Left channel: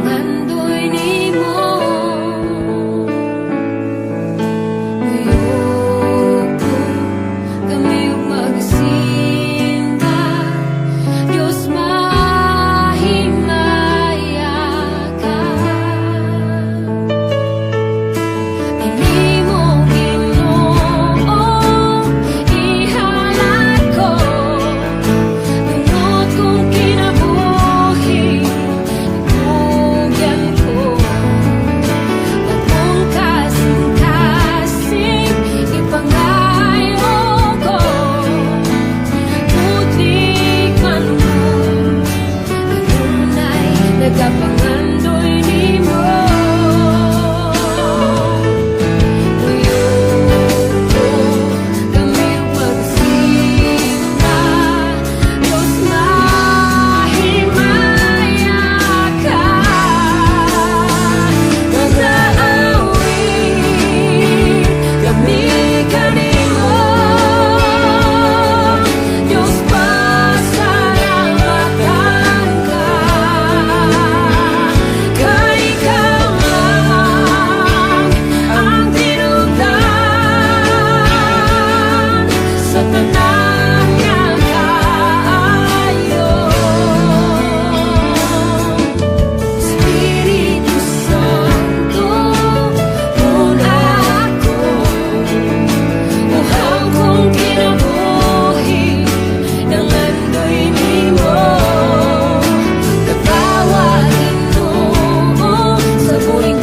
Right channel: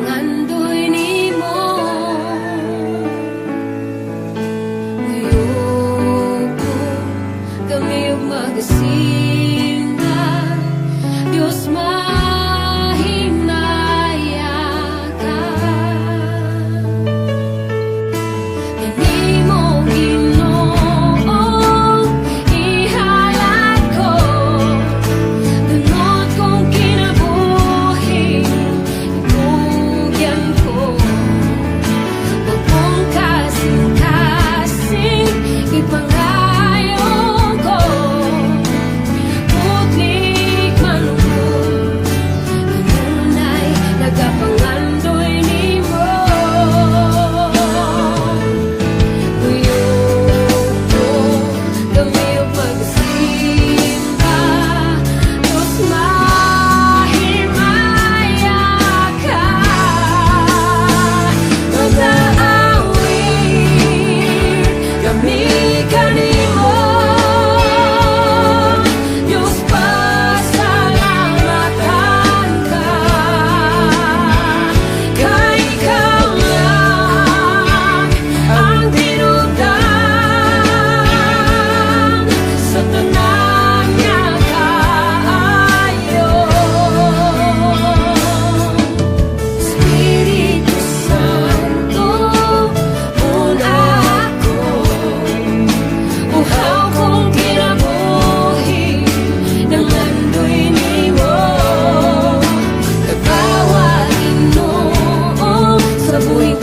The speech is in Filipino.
nagapangandoy nimo. Uyoko kami ug magsimba, Dios mahinaya ka. Kanimo Ginoo ihalad ko, dunot kong kinabuhi, ibugyan ko. Bagong kasing-kasing ipangayo ko, putlik man mo, kanunay nagapangandoy nimo. Uyoko kami ug magsimba, Dios mahimaya ka. Mag-aawit kami kanimo, Dios pasalamatan ka. Kay ikaw lang ang tinubdan sa tanan niya kaayo. Espiritu Santo, una ako, uhaw kong kinabuhi, nangandoy nimo. Katawagin mo sa buhing